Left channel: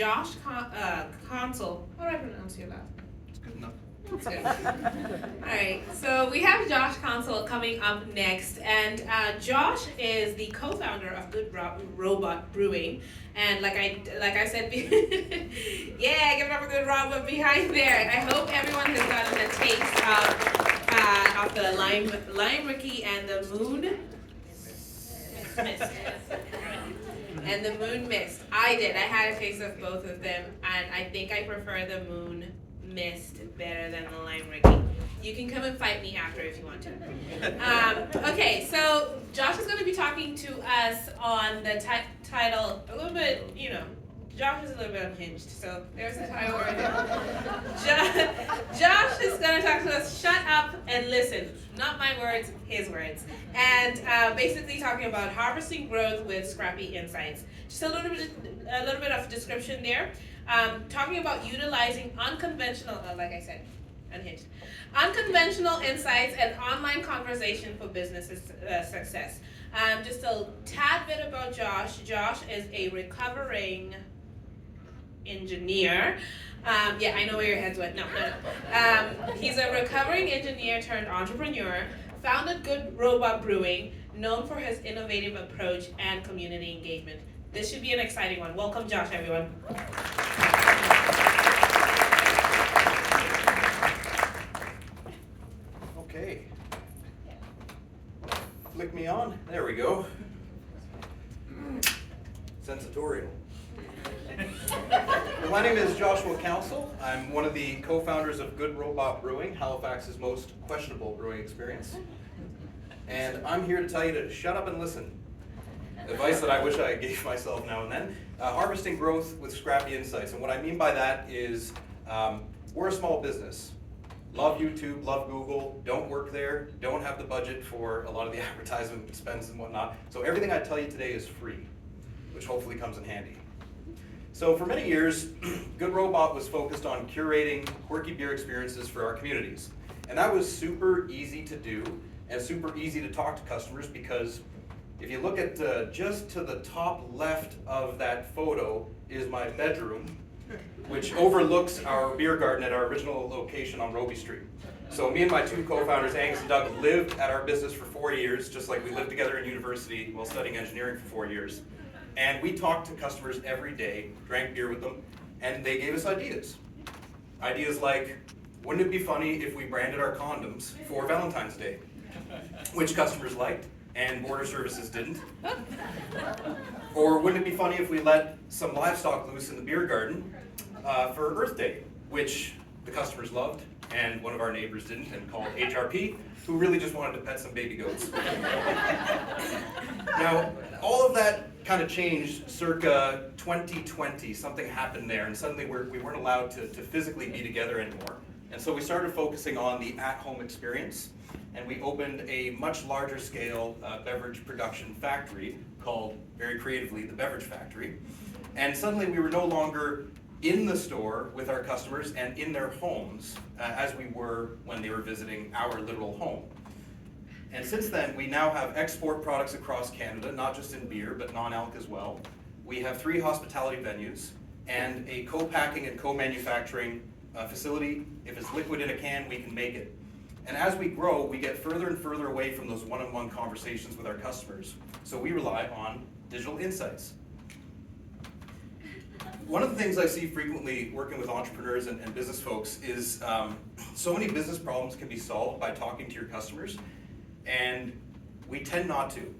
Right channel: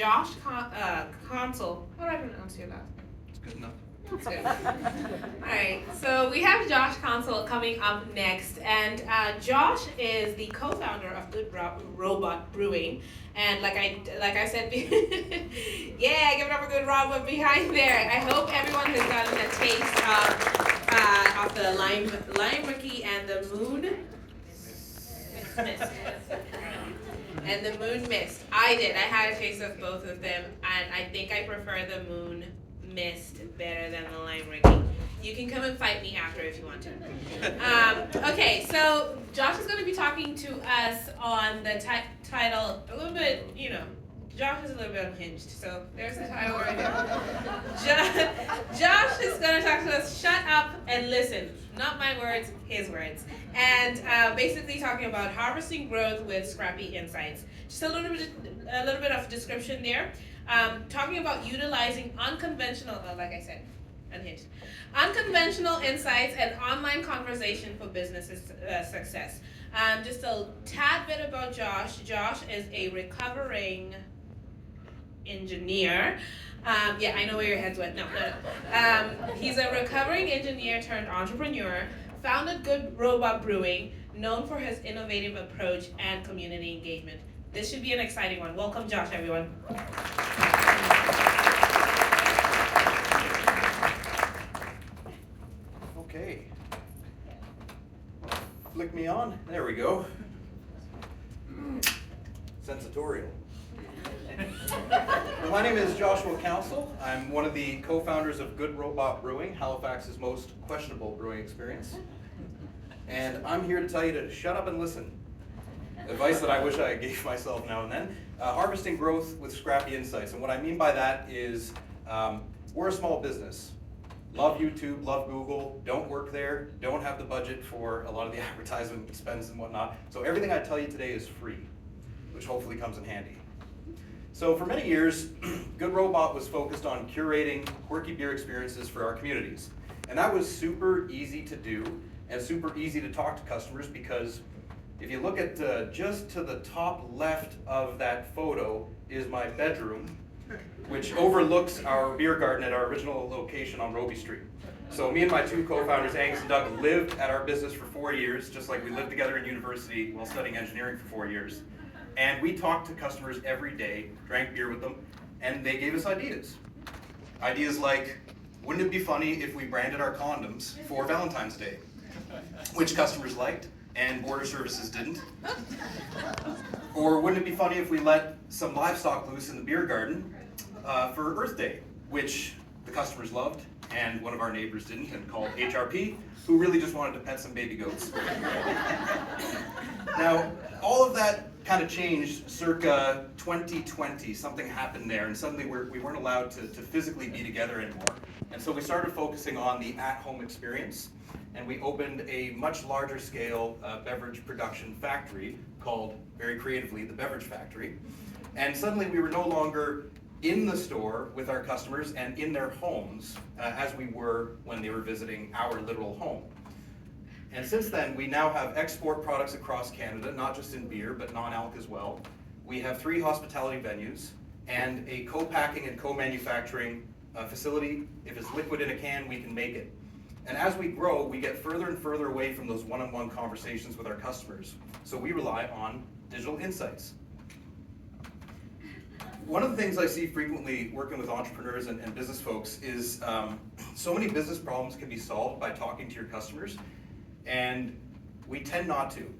Josh Console. How do I pronounce your last name? It's good enough. That's good. Alright, so we have Josh Console coming up next, and Josh is the co-founder of Good Robot Brewing, and like I said, yeah, give it up for Good Robot behind there. I hope everyone has gotten a taste of the lime rookie and the moon mist. And the moon mist. I did. I had a taste of both of them, and I think I prefer the moon mist better than the lime rookie. You can come and fight me after if you want to. Okay, so Josh is going to be talking to us on the title a little bit, Josh is a little bit unhinged, so there's the title right there. Josh is going to talk to us, shut up and listen. Not my words, his words. And basically talking about harvesting growth with Scrappy insights. Just a little bit of description there. Talking about utilizing unconventional, like I said, unhinged. Unconventional insights and online conversation for business success. Just a tad bit about Josh. Josh is a recovering engineer. Yeah, I know where your heads went. No. He's a recovering engineer turned entrepreneur, founded Good Robot Brewing, known for his innovative approach and community engagement. This should be an exciting one. Welcome, Josh, everyone. Okay. Flick me on. There we go. Sensatorial. Well, my name is Joshua Council. I'm one of the co-founders of Good Robot Brewing, Halifax's most questionable brewing experience. And I'm here to tell you to shut up and listen. Advice that I wish I gave myself now and then. Harvesting growth with Scrappy insights. And what I mean by that is we're a small business. Love YouTube, love Google, don't work there, don't have the budget for a lot of the advertisement expense and whatnot. So everything I tell you today is free, which hopefully comes in handy. So for many years, Good Robot was focused on curating quirky beer experiences for our communities. And that was super easy to do and super easy to talk to customers because if you look at just to the top left of that photo is my bedroom, which overlooks our beer garden at our original location on Roby Street. So me and my two co-founders, Angus and Doug, lived at our business for 4 years, just like we lived together in university while studying engineering for 4 years. And we talked to customers every day, drank beer with them, and they gave us ideas. Ideas like, wouldn't it be funny if we branded our condoms for Valentine's Day? Which customers liked, and border services didn't. Or wouldn't it be funny if we let some livestock loose in the beer garden for Earth Day, which the customers loved, and one of our neighbors didn't, and called HRP, who really just wanted to pet some baby goats. Now, all of that kind of changed circa 2020. Something happened there, and suddenly we weren't allowed to physically be together anymore. And so we started focusing on the at-home experience, and we opened a much larger scale beverage production factory called, very creatively, the Beverage Factory. And suddenly we were no longer in the store with our customers and in their homes as we were when they were visiting our literal home. And since then, we now have export products across Canada, not just in beer, but non-alc as well. We have 3 hospitality venues and a co-packing and co-manufacturing facility. If it's liquid in a can, we can make it. And as we grow, we get further and further away from those one-on-one conversations with our customers. So we rely on digital insights. One of the things I see frequently working with entrepreneurs and business folks is so many business problems can be solved by talking to your customers, and we tend not to.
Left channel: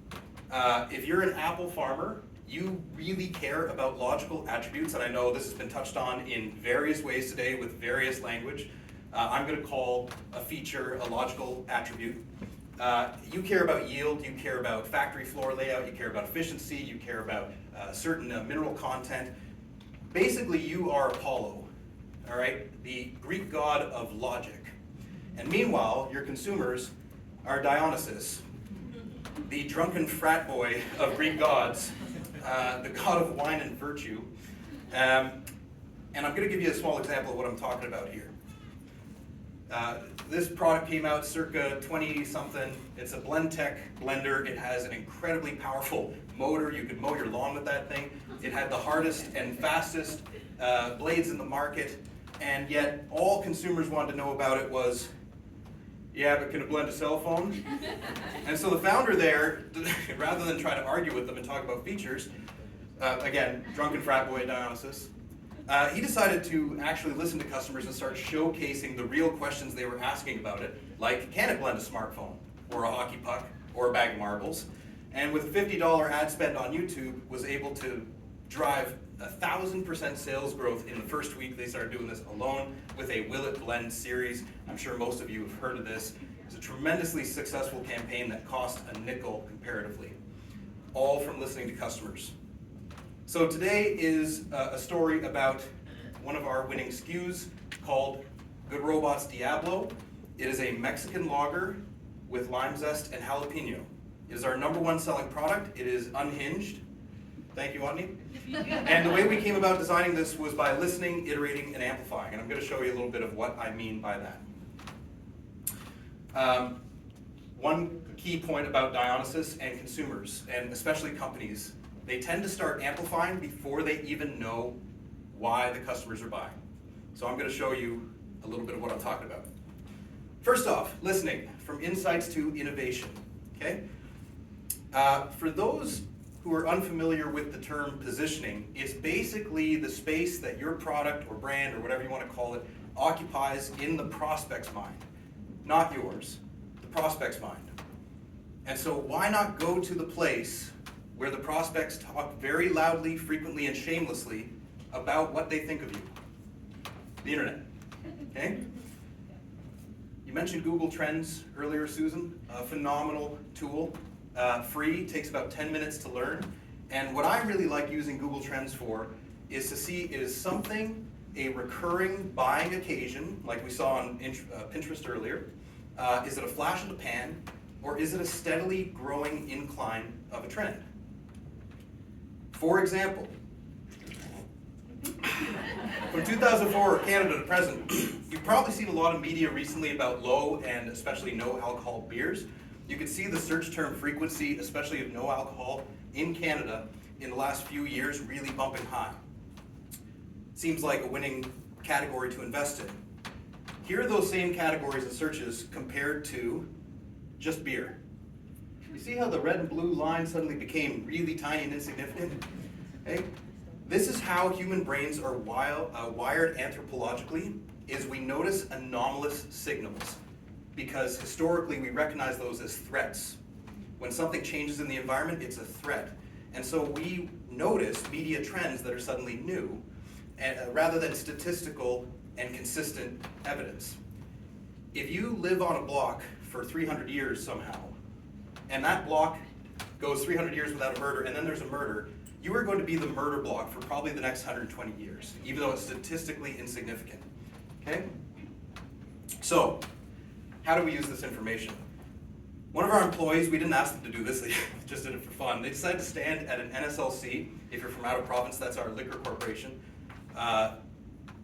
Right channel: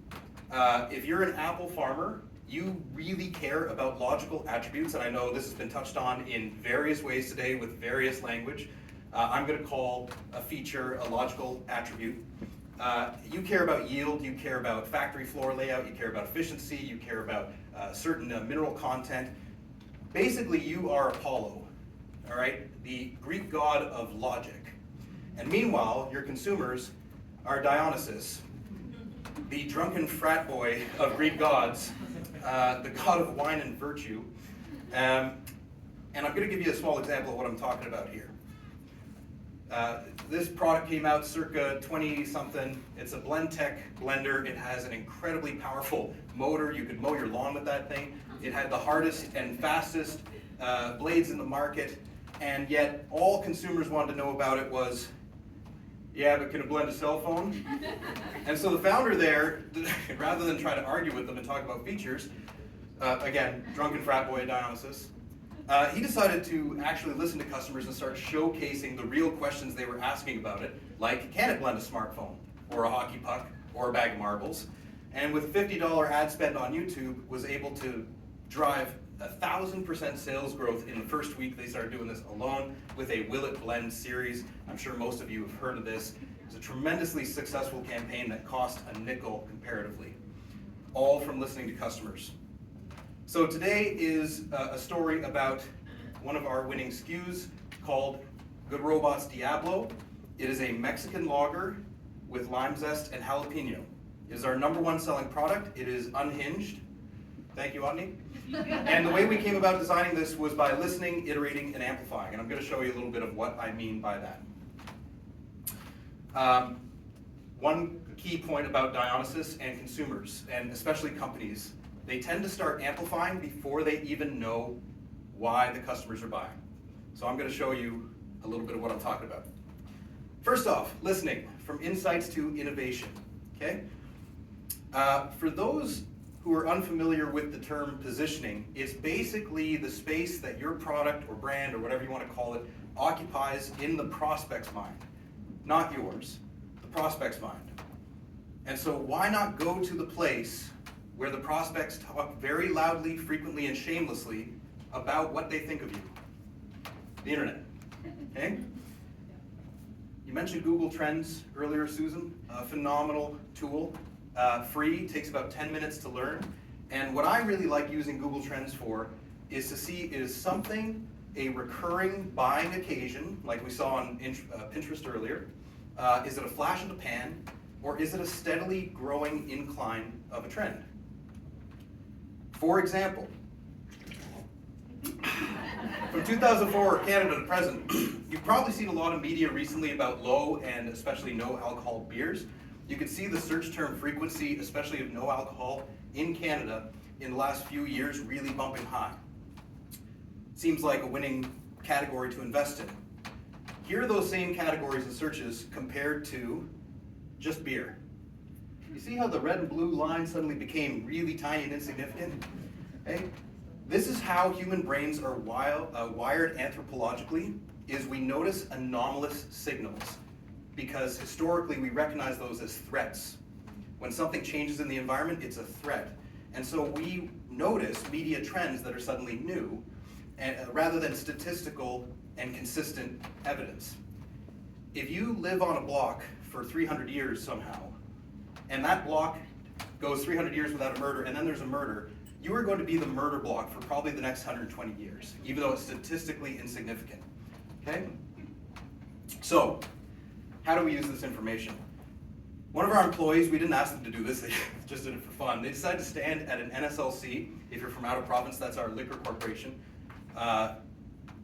If you're an apple farmer, you really care about logical attributes, and I know this has been touched on in various ways today with various language. I'm going to call a feature a logical attribute. You care about yield, you care about factory floor layout, you care about efficiency, you care about certain mineral content. Basically, you are Apollo, all right? The Greek god of logic. And meanwhile, your consumers are Dionysus, the drunken frat boy of Greek gods, the god of wine and virtue. And I'm going to give you a small example of what I'm talking about here. This product came out circa 20-something. It's a Blendtec blender. It has an incredibly powerful motor. You could mow your lawn with that thing. It had the hardest and fastest blades in the market, and yet all consumers wanted to know about it was, yeah, but can it blend a cell phone? And so the founder there, rather than try to argue with them and talk about features, again, drunken frat boy Dionysus, he decided to actually listen to customers and start showcasing the real questions they were asking about it, like, can it blend a smartphone, or a hockey puck, or a bag of marbles? And with $50 ad spend on YouTube, was able to drive 1,000% sales growth in the first week they started doing this alone with a Will It Blend series. I'm sure most of you have heard of this. It's a tremendously successful campaign that cost a nickel comparatively, all from listening to customers. So today is a story about one of our winning SKUs called Good Robot's Diablo. It is a Mexican lager with lime zest and jalapeno. It is our #1 selling product. It is unhinged. Thank you, Otney. And the way we came about designing this was by listening, iterating, and amplifying. And I'm going to show you a little bit of what I mean by that. One key point about Dionysus and consumers, and especially companies, they tend to start amplifying before they even know why the customers are buying. So I'm going to show you a little bit of what I'm talking about. First off, listening, from insights to innovation. Okay? For those who are unfamiliar with the term positioning, it's basically the space that your product or brand or whatever you want to call it occupies in the prospect's mind, not yours, the prospect's mind. And so why not go to the place where the prospects talk very loudly, frequently, and shamelessly about what they think of you? The internet. Okay? You mentioned Google Trends earlier, Susan, a phenomenal tool. Free, takes about 10 minutes to learn. And what I really like using Google Trends for is to see, is something a recurring buying occasion, like we saw on Pinterest earlier? Is it a flash in the pan, or is it a steadily growing incline of a trend? For example, from 2004 Canada to present, you've probably seen a lot of media recently about low and especially no alcohol beers. You can see the search term frequency, especially of no alcohol, in Canada in the last few years really bumping high. Seems like a winning category to invest in. Here are those same categories and searches compared to just beer. You see how the red and blue line suddenly became really tiny and insignificant? Okay? This is how human brains are wired anthropologically, is we notice anomalous signals, because historically we recognize those as threats. When something changes in the environment, it's a threat. And so we notice media trends that are suddenly new, and, rather than statistical and consistent evidence. If you live on a block for 300 years somehow, and that block goes 300 years without a murder, and then there's a murder, you are going to be the murder block for probably the next 120 years, even though it's statistically insignificant. Okay? So, how do we use this information? One of our employees, we didn't ask them to do this, they just did it for fun. They decided to stand at an NSLC. If you're from out of province, that's our liquor corporation.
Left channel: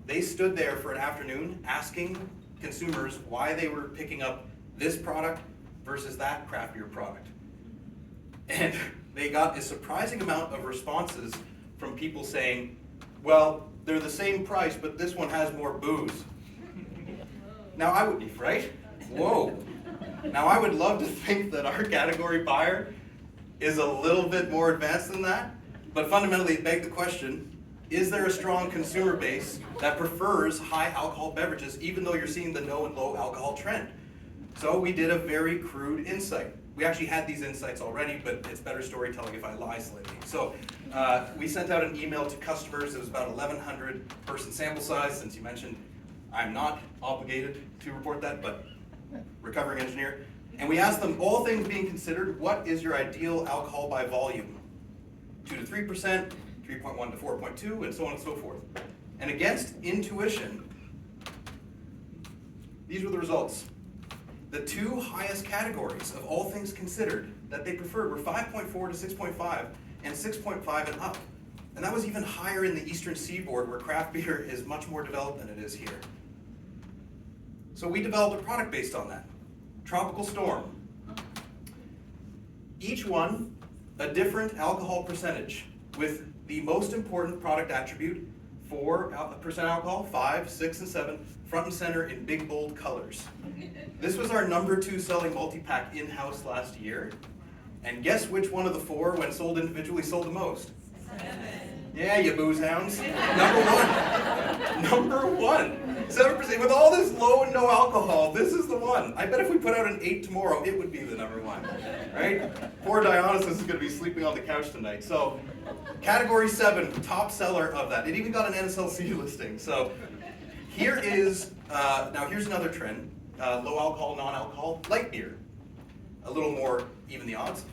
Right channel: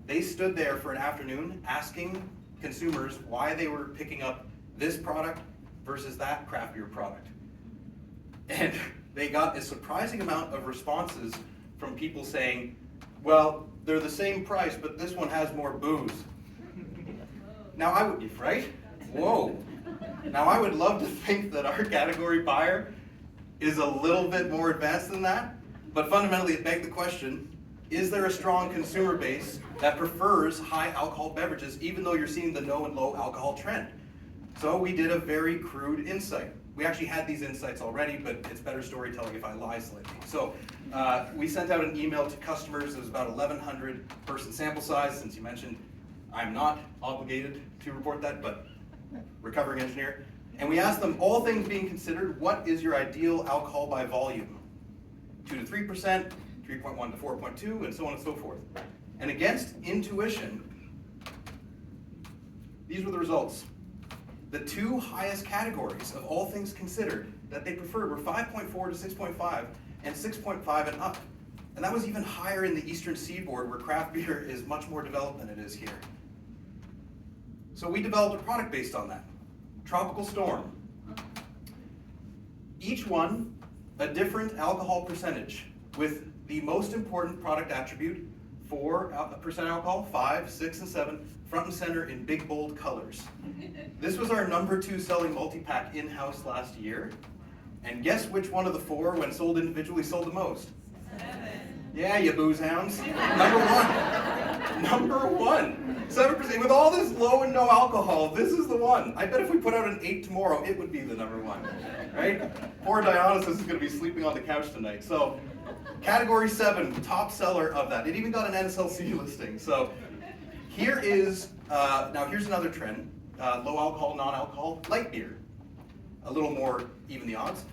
They stood there for an afternoon asking consumers why they were picking up this product versus that craft beer product. And they got a surprising amount of responses from people saying, well, they're the same price, but this one has more booze. Now I would be, right? Whoa. Now I would love to think that our category buyer is a little bit more advanced than that, but fundamentally it begs the question, is there a strong consumer base that prefers high alcohol beverages even though you're seeing the no and low alcohol trend? So we did a very crude insight. We actually had these insights already, but it's better storytelling if I lie slightly. So we sent out an email to customers. It was about 1,100 person sample size. Since you mentioned I'm not obligated to report that, but recovering engineer. And we asked them, all things being considered, what is your ideal alcohol by volume? 2 to 3%, 3.1 to 4.2, and so on and so forth. And against intuition, these were the results. The two highest categories of all things considered that they preferred were 5.4 to 6.5 and 6.5 and up. And that was even higher in the Eastern Seaboard, where craft beer is much more developed than it is here. So we developed a product based on that. Tropical Storm. Each one a different alcohol percentage, with the most important product attribute, 4% alcohol, 5, 6, and 7, front and center in big bold colors. This was our number 2 selling multi-pack in-house last year. And guess which one of the 4, when sold individually, sold the most? 7. Yeah, you booze hounds. Number one. 7%. With all this low and no alcohol, this is the one. I bet if we put out an 8 tomorrow, it would be the number 1. Right? Poor Dionysus is going to be sleeping on the couch tonight. So, category 7, top seller of that. It even got an NSLC listing. So, here is, now here's another trend. Low alcohol, non-alcohol, light beer. A little more even the odds.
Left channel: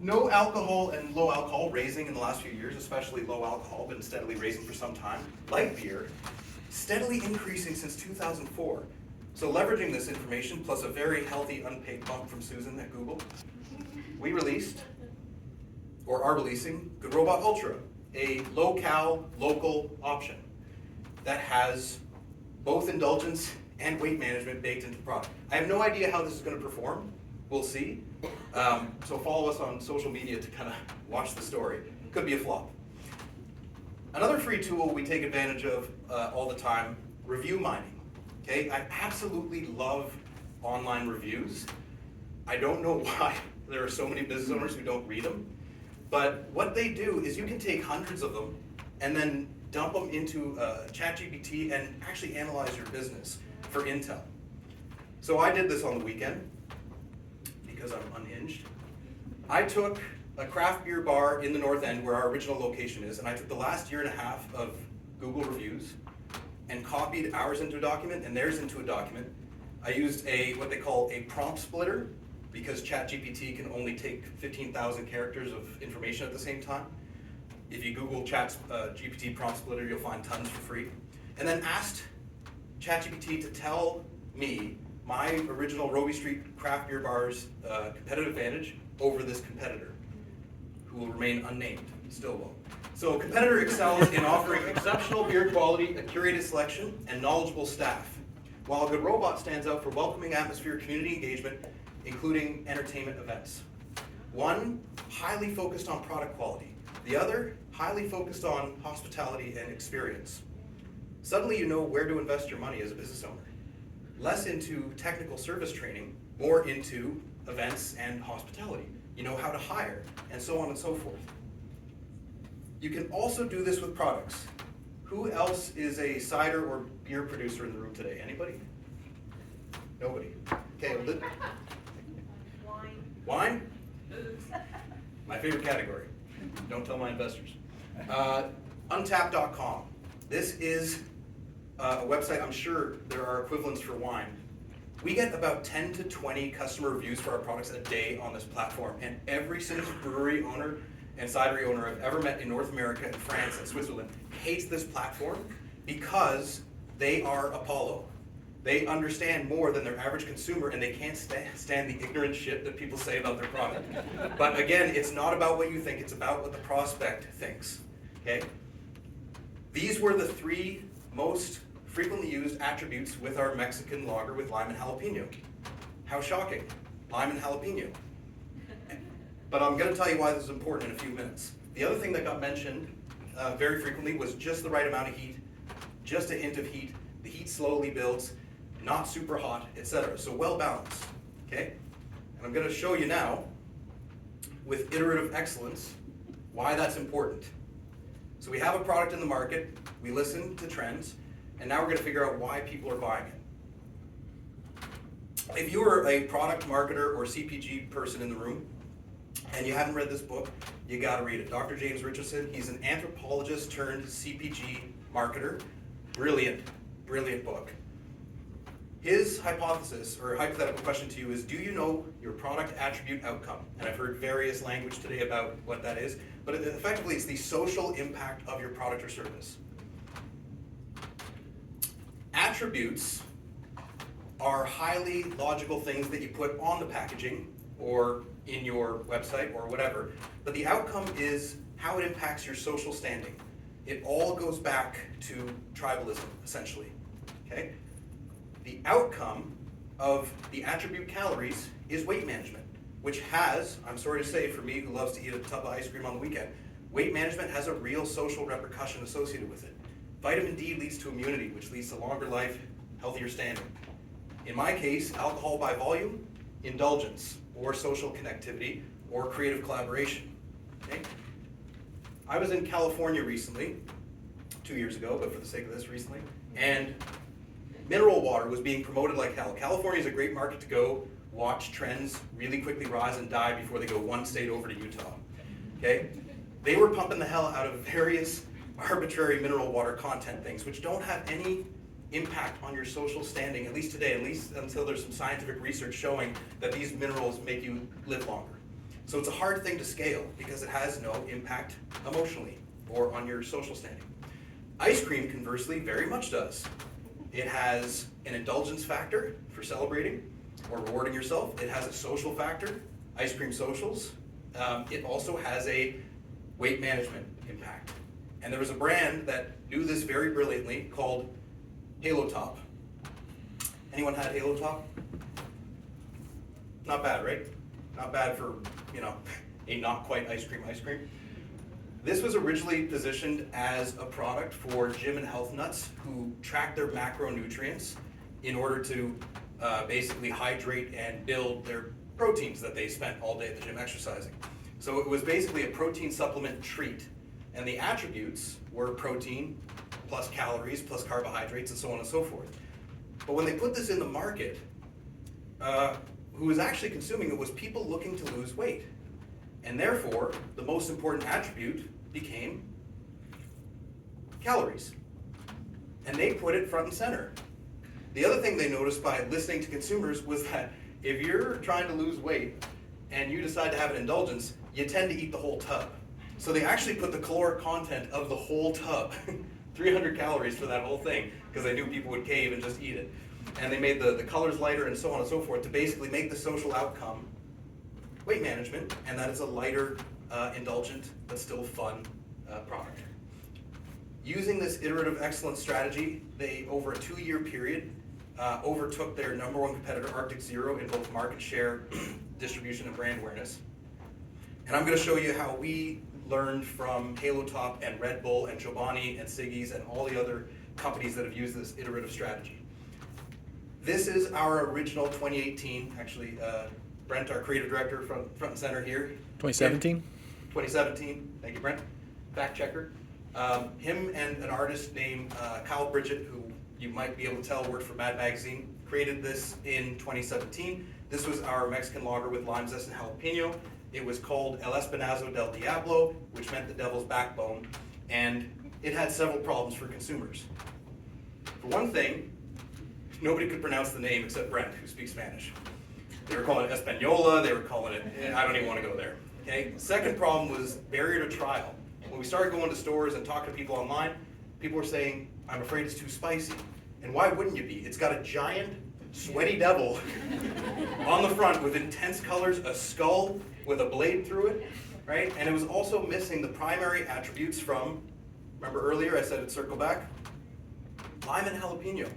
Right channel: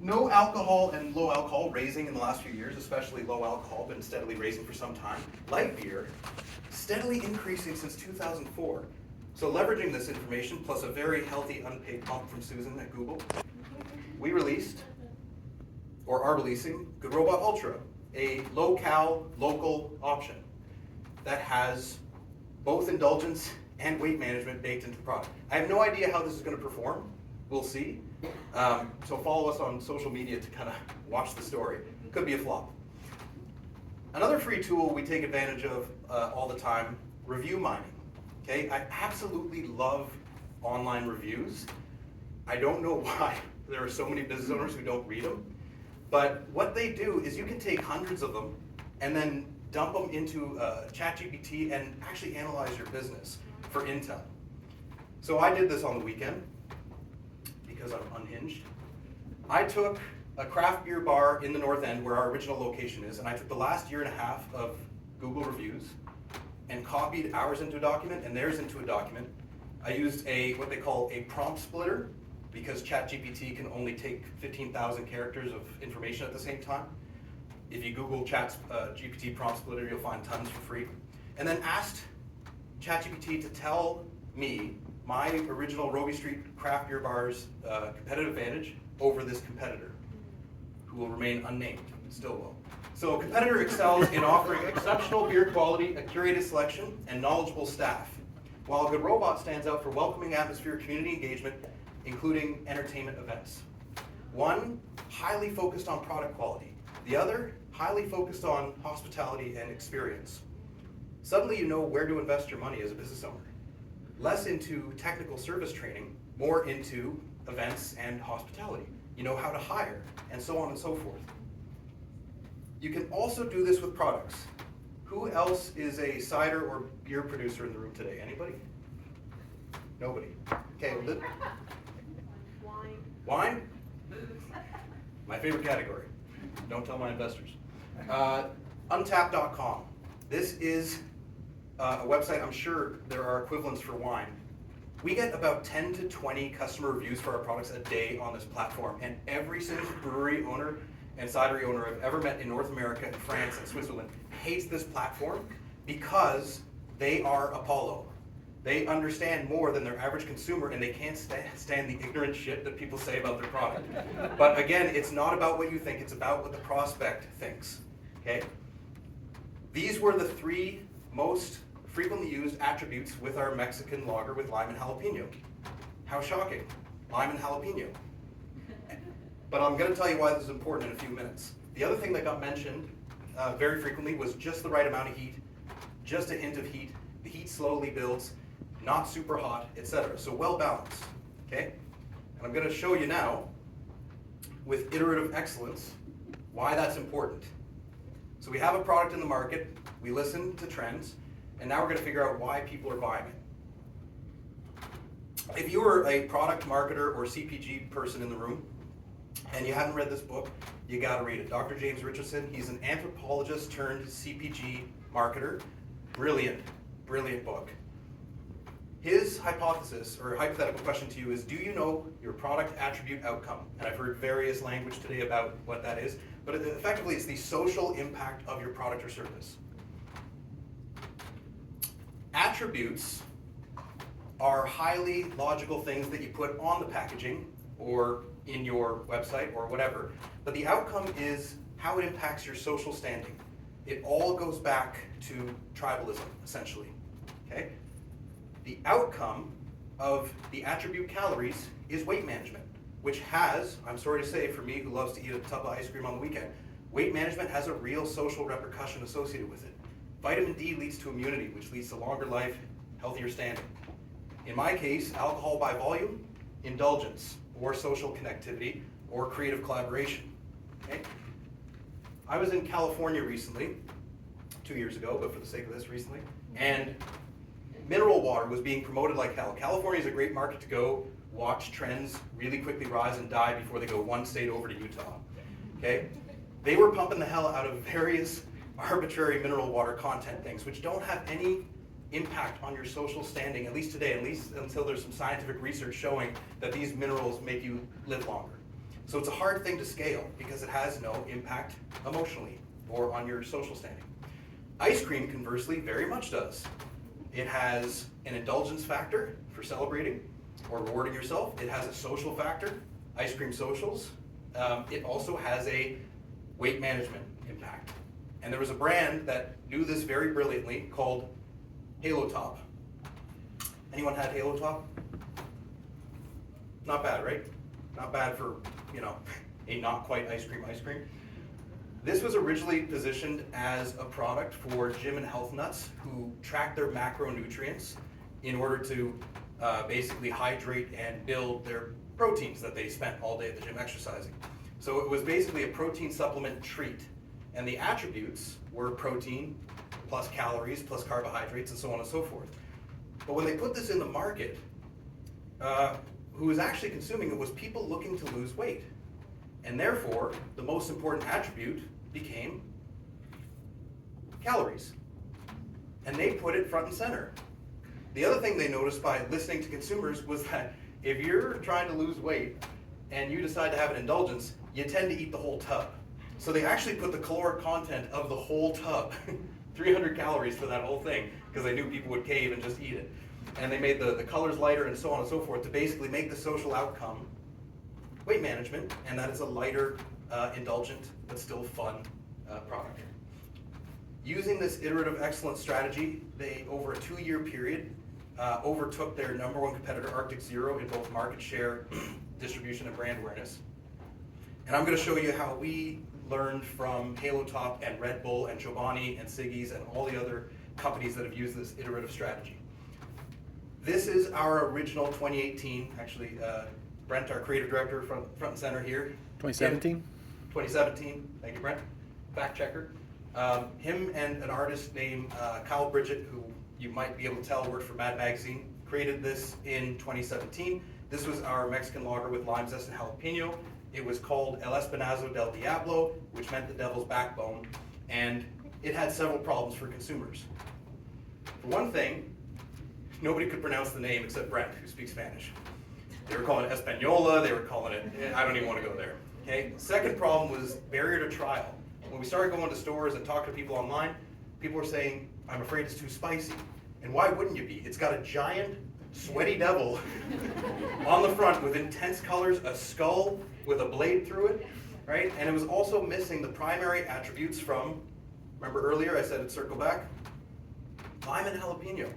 No alcohol and low alcohol raising in the last few years, especially low alcohol, been steadily raising for some time. Light beer, steadily increasing since 2004. So leveraging this information, plus a very healthy unpaid bump from Susan at Google, we released, or are releasing, Good Robot Ultra, a low-cal, local option that has both indulgence and weight management baked into the product. I have no idea how this is going to perform. We'll see. So follow us on social media to kind of watch the story. Could be a flop. Another free tool we take advantage of all the time, review mining. Okay, I absolutely love online reviews. I don't know why there are so many business owners who don't read them, but what they do is you can take hundreds of them and then dump them into ChatGPT and actually analyze your business for intel. So I did this on the weekend because I'm unhinged. I took a craft beer bar in the North End where our original location is, and I took the last year and a half of Google reviews and copied ours into a document and theirs into a document. I used what they call a prompt splitter because ChatGPT can only take 15,000 characters of information at the same time. If you Google GPT prompt splitter, you'll find tons for free. And then asked ChatGPT to tell me my original Robie Street craft beer bar's competitive advantage over this competitor, who will remain unnamed, still will. So a competitor excels in offering exceptional beer quality, a curated selection, and knowledgeable staff, while Good Robot stands out for welcoming atmosphere, community engagement, including entertainment events. One, highly focused on product quality. The other, highly focused on hospitality and experience. Suddenly you know where to invest your money as a business owner. Less into technical service training, more into events and hospitality. You know how to hire, and so on and so forth. You can also do this with products. Who else is a cider or beer producer in the room today? Anybody? Nobody. Okay. Wine. Wine? Booze. My favorite category. Don't tell my investors. Untapped.com. This is a website. I'm sure there are equivalents for wine. We get about 10 to 20 customer reviews for our products a day on this platform, and every single brewery owner and cidery owner I've ever met in North America and France and Switzerland hates this platform because they are Apollo. They understand more than their average consumer, and they can't stand the ignorant shit that people say about their product. But again, it's not about what you think, it's about what the prospect thinks. Okay? These were the 3 most frequently used attributes with our Mexican lager with lime and jalapeno. How shocking. Lime and jalapeno. But I'm going to tell you why this is important in a few minutes. The other thing that got mentioned very frequently was just the right amount of heat, just a hint of heat. The heat slowly builds, not super hot, etc. So well balanced. Okay? And I'm going to show you now, with iterative excellence, why that's important. So we have a product in the market, we listen to trends, and now we're going to figure out why people are buying it. If you are a product marketer or CPG person in the room, and you haven't read this book, you got to read it. Dr. James Richardson, he's an anthropologist turned CPG marketer. Brilliant, brilliant book. His hypothesis, or hypothetical question to you is, do you know your product attribute outcome? And I've heard various language today about what that is, but effectively it's the social impact of your product or service. Attributes are highly logical things that you put on the packaging or in your website or whatever, but the outcome is how it impacts your social standing. It all goes back to tribalism, essentially, okay? The outcome of the attribute calories is weight management, which has, I'm sorry to say for me who loves to eat a tub of ice cream on the weekend, weight management has a real social repercussion associated with it. Vitamin D leads to immunity, which leads to longer life, healthier standing. In my case, alcohol by volume, indulgence, or social connectivity, or creative collaboration. Okay? I was in California recently, 2 years ago, but for the sake of this, recently, and mineral water was being promoted like hell. California is a great market to go watch trends really quickly rise and die before they go one state over to Utah. Okay? They were pumping the hell out of various arbitrary mineral water content things, which don't have any impact on your social standing, at least today, at least until there's some scientific research showing that these minerals make you live longer. So it's a hard thing to scale because it has no impact emotionally or on your social standing. Ice cream, conversely, very much does. It has an indulgence factor for celebrating or rewarding yourself. It has a social factor, ice cream socials. It also has a weight management impact. And there was a brand that knew this very brilliantly called Halo Top. Anyone had Halo Top? Not bad, right? Not bad for, a not quite ice cream. This was originally positioned as a product for gym and health nuts who track their macronutrients in order to basically hydrate and build their proteins that they spent all day at the gym exercising. So it was basically a protein supplement treat. And the attributes were protein plus calories plus carbohydrates and so on and so forth. But when they put this in the market, who was actually consuming it was people looking to lose weight. And therefore, the most important attribute became calories. And they put it front and center. The other thing they noticed by listening to consumers was that if you're trying to lose weight and you decide to have an indulgence, you tend to eat the whole tub. So they actually put the caloric content of the whole tub, 300 calories for that whole thing, because they knew people would cave and just eat it. And they made the colors lighter and so on and so forth to basically make the social outcome weight management, and that is a lighter, indulgent, but still fun product. Using this iterative excellence strategy, they, over a 2-year period, overtook their number one competitor, Arctic Zero, in both market share, distribution, and brand awareness. And I'm going to show you how we learned from Halo Top and Red Bull and Chobani and Siggy's and all the other companies that have used this iterative strategy. This is our original 2018, actually, Brent, our creative director, front and center here. 2017? 2017, thank you, Brent. Fact checker. Him and an artist named Kyle Bridget, who you might be able to tell worked for Mad Magazine, created this in 2017. This was our Mexican lager with lime zest and jalapeno. It was called El Espinazo del Diablo, which meant the devil's backbone, and it had several problems for consumers. For one thing, nobody could pronounce the name except Brent, who speaks Spanish. They were calling it Española, they were calling it, I don't even want to go there. Okay. Second problem was barrier to trial. When we started going to stores and talking to people online, people were saying, I'm afraid it's too spicy. And why wouldn't you be? It's got a giant, sweaty devil on the front with intense colors, a skull with a blade through it, right? And it was also missing the primary attributes from, remember earlier I said it'd circle back? Lime and jalapeno.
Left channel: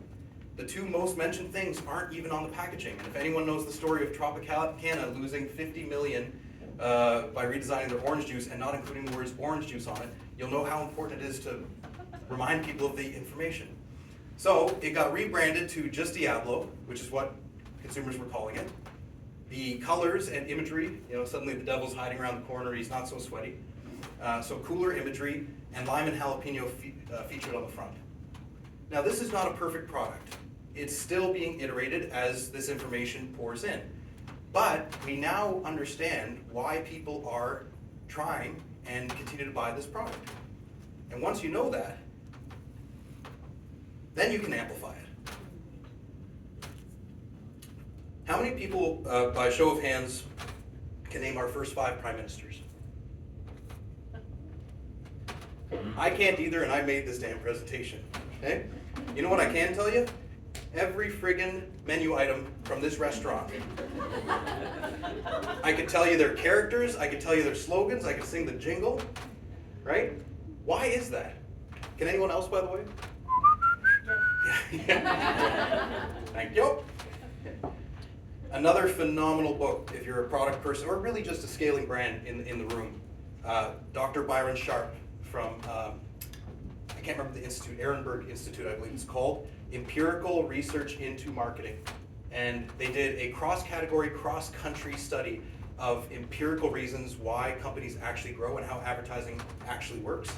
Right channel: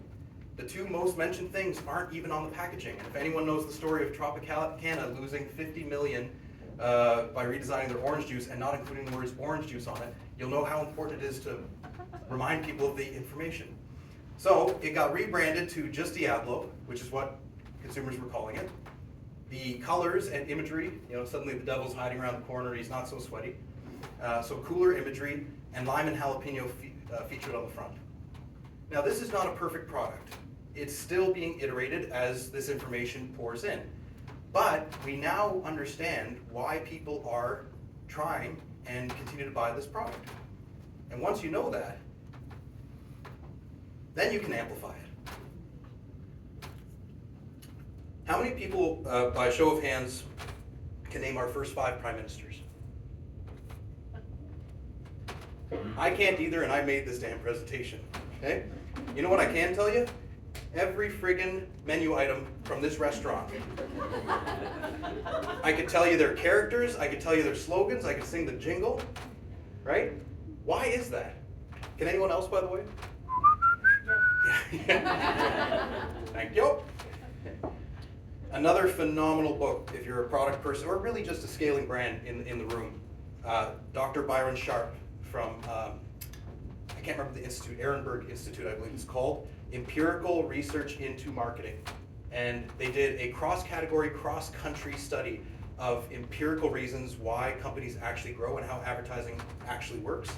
The two most mentioned things aren't even on the packaging. And if anyone knows the story of Tropicana losing 50 million by redesigning their orange juice and not including the words orange juice on it, you'll know how important it is to remind people of the information. So it got rebranded to just Diablo, which is what consumers were calling it. The colors and imagery, suddenly the devil's hiding around the corner, he's not so sweaty. So cooler imagery, and lime and jalapeno featured on the front. Now this is not a perfect product. It's still being iterated as this information pours in. But we now understand why people are trying and continue to buy this product. And once you know that, then you can amplify it. How many people, by show of hands, can name our first 5 prime ministers? I can't either, and I made this damn presentation. Okay? You know what I can tell you? Every friggin' menu item from this restaurant. I could tell you their characters, I could tell you their slogans, I could sing the jingle, right? Why is that? Can anyone else, by the way? Thank you. Another phenomenal book if you're a product person or really just a scaling brand in the room. Dr. Byron Sharp from, I can't remember the institute, Ehrenberg Institute, I believe it's called, Empirical Research into Marketing. And they did a cross-category, cross-country study of empirical reasons why companies actually grow and how advertising actually works.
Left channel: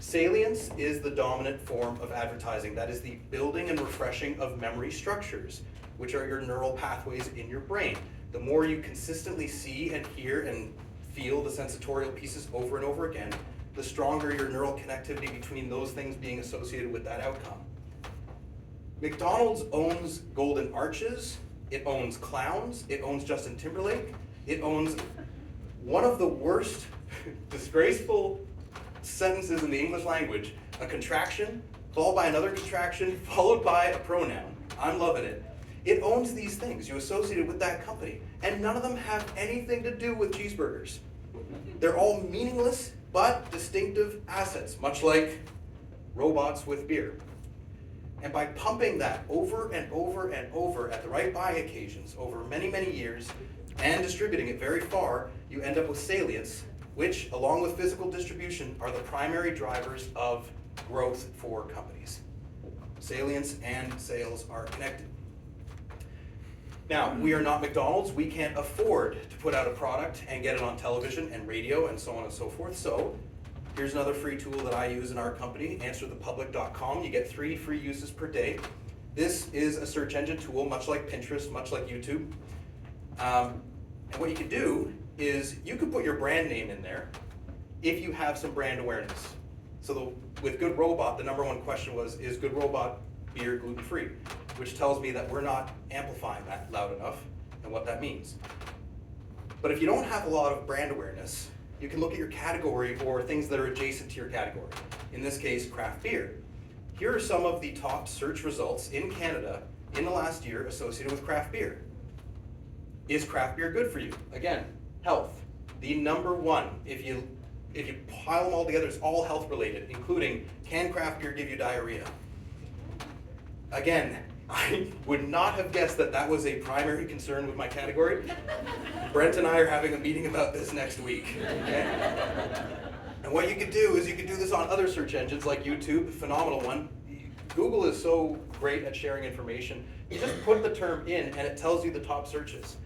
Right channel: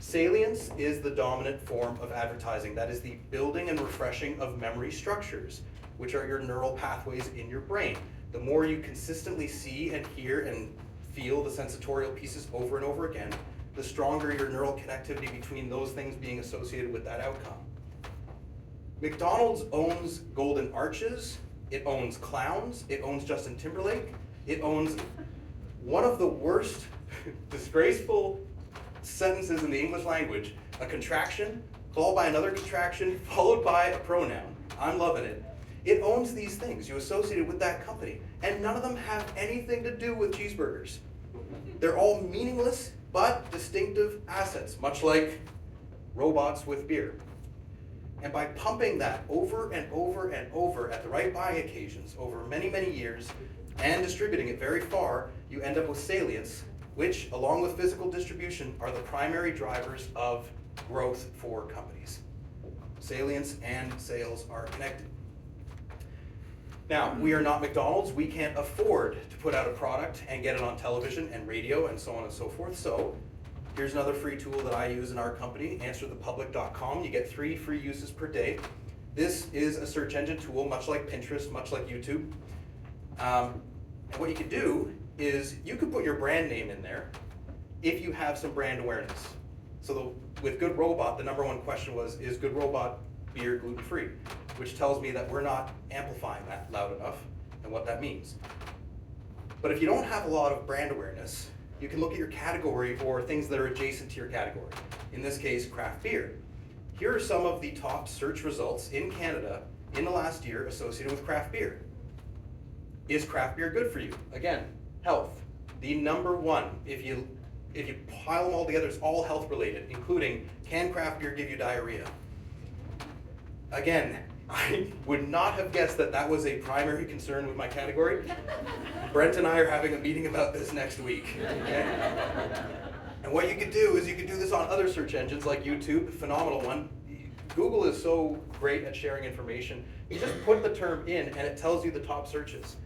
Salience is the dominant form of advertising. That is the building and refreshing of memory structures, which are your neural pathways in your brain. The more you consistently see and hear and feel the sensorial pieces over and over again, the stronger your neural connectivity between those things being associated with that outcome. McDonald's owns Golden Arches, it owns clowns, it owns Justin Timberlake, it owns one of the worst disgraceful sentences in the English language, a contraction, followed by another contraction, followed by a pronoun. I'm loving it. It owns these things you associated with that company, and none of them have anything to do with cheeseburgers. They're all meaningless but distinctive assets, much like robots with beer. And by pumping that over and over and over at the right buy occasions over many, many years and distributing it very far, you end up with salience, which, along with physical distribution, are the primary drivers of growth for companies. Salience and sales are connected. Now, we are not McDonald's. We can't afford to put out a product and get it on television and radio and so on and so forth. So here's another free tool that I use in our company, AnswerThePublic.com. You get 3 free uses per day. This is a search engine tool, much like Pinterest, much like YouTube. And what you can do is you could put your brand name in there if you have some brand awareness. So with Good Robot, the number one question was, is Good Robot beer gluten-free? Which tells me that we're not amplifying that loud enough and what that means. But if you don't have a lot of brand awareness, you can look at your category or things that are adjacent to your category. In this case, craft beer. Here are some of the top search results in Canada in the last year associated with craft beer. Is craft beer good for you? Again, health. The number one, if you pile them all together, it's all health related, including, can craft beer give you diarrhea? Again, I would not have guessed that that was a primary concern with my category. Brent and I are having a meeting about this next week. Okay? And what you could do is you could do this on other search engines like YouTube, phenomenal one. Google is so great at sharing information. You just put the term in and it tells you the top searches.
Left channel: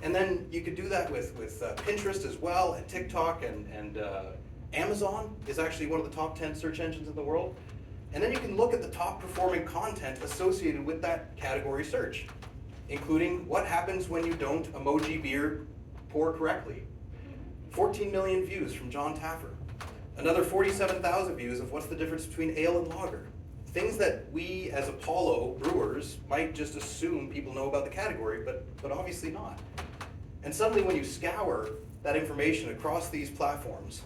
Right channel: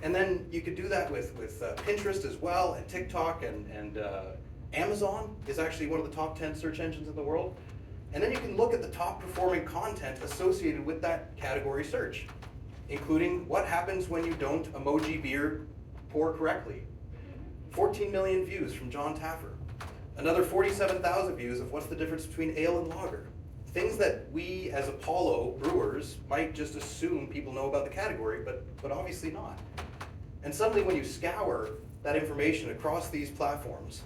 And then you could do that with Pinterest as well, and TikTok, and Amazon is actually one of the top 10 search engines in the world. And then you can look at the top performing content associated with that category search, including what happens when you don't emoji beer pour correctly. 14 million views from John Taffer. Another 47,000 views of what's the difference between ale and lager. Things that we as Apollo brewers might just assume people know about the category, but obviously not. And suddenly when you scour that information across these platforms,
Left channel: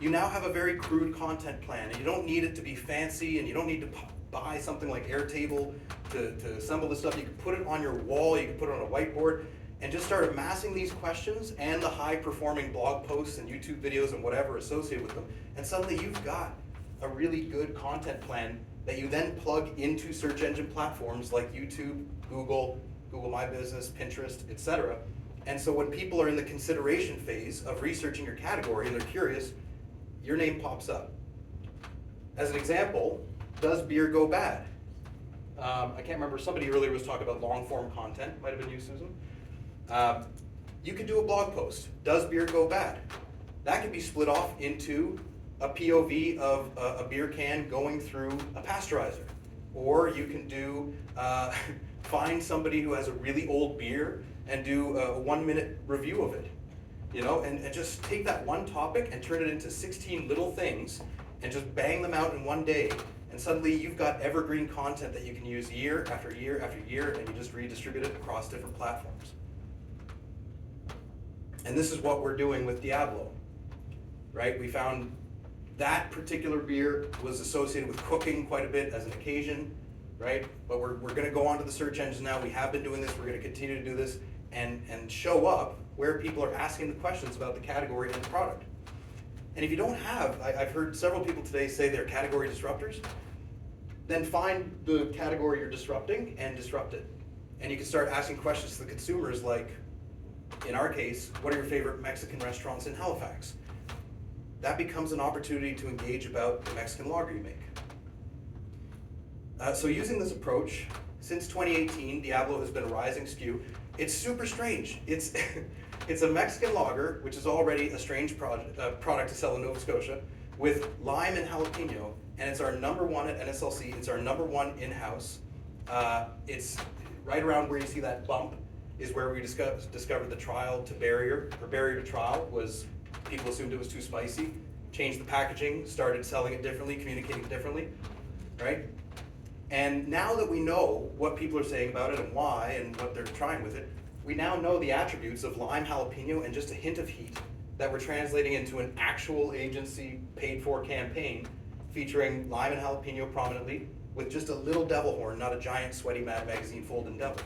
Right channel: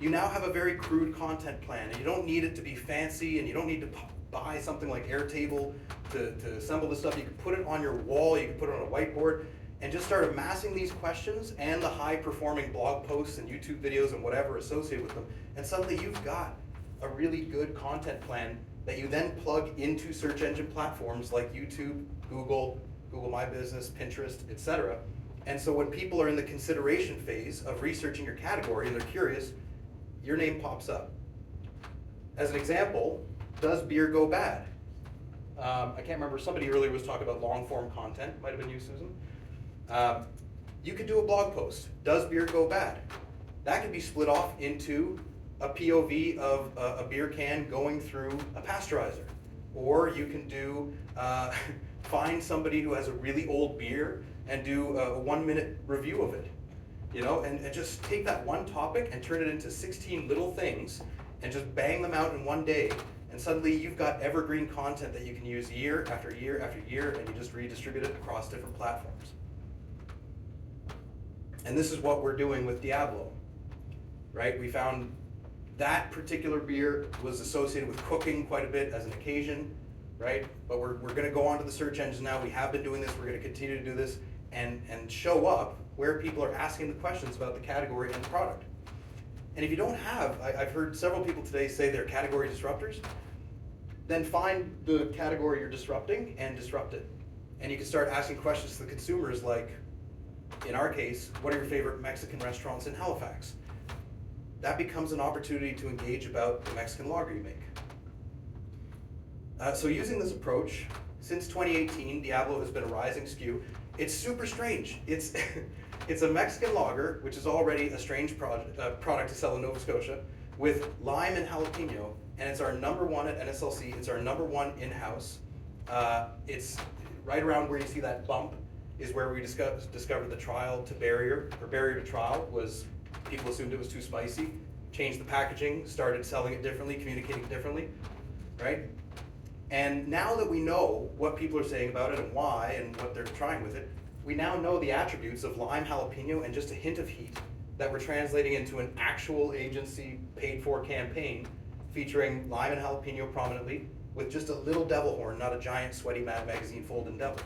you now have a very crude content plan, and you don't need it to be fancy, and you don't need to buy something like Airtable to assemble this stuff. You can put it on your wall, you can put it on a whiteboard, and just start amassing these questions and the high-performing blog posts and YouTube videos and whatever associated with them. And suddenly you've got a really good content plan that you then plug into search engine platforms like YouTube, Google My Business, Pinterest, etc. And so when people are in the consideration phase of researching your category and they're curious, your name pops up. As an example, does beer go bad? I can't remember, somebody earlier was talking about long form content, might have been you, Susan. You could do a blog post, does beer go bad? That could be split off into a POV of a beer can going through a pasteurizer. Or you can do, find somebody who has a really old beer and do a 1-minute review of it. You know, and just take that one topic and turn it into 16 little things and just bang them out in one day. And suddenly you've got evergreen content that you can use year after year after year, and you just redistribute it across different platforms. And this is what we're doing with Diablo, right? We found that particular beer was associated with cooking quite a bit as an occasion, right? But we're going to go onto the search engines now. We have been doing this. We're going to continue to do this and show up where people are asking the questions about the category and the product. And if you don't have, I've heard several people today say they're category disruptors, then find the category you're disrupting and disrupt it. And you can start asking questions to the consumers like, in our case, what are your favorite Mexican restaurants in Halifax? that becomes an opportunity to engage about the Mexican lager you make. So using this approach, since 2018, Diablo has been a rising SKU. It's super strange. It's it's a Mexican lager, which is already a strange product to sell in Nova Scotia, with lime and jalapeno, and it's our number one at NSLC. It's our number one in-house. It's right around where you see that bump is where we discovered the trial to barrier, or barrier to trial was people assumed it was too spicy, changed the packaging, started selling it differently, communicating differently, right? And now that we know what people are saying about it and why and what they're trying with it, we now know the attributes of lime, jalapeno, and just a hint of heat that we're translating into an actual agency paid for campaign featuring lime and jalapeno prominently with just a little devil horn, not a giant sweaty Mad Magazine folding devil.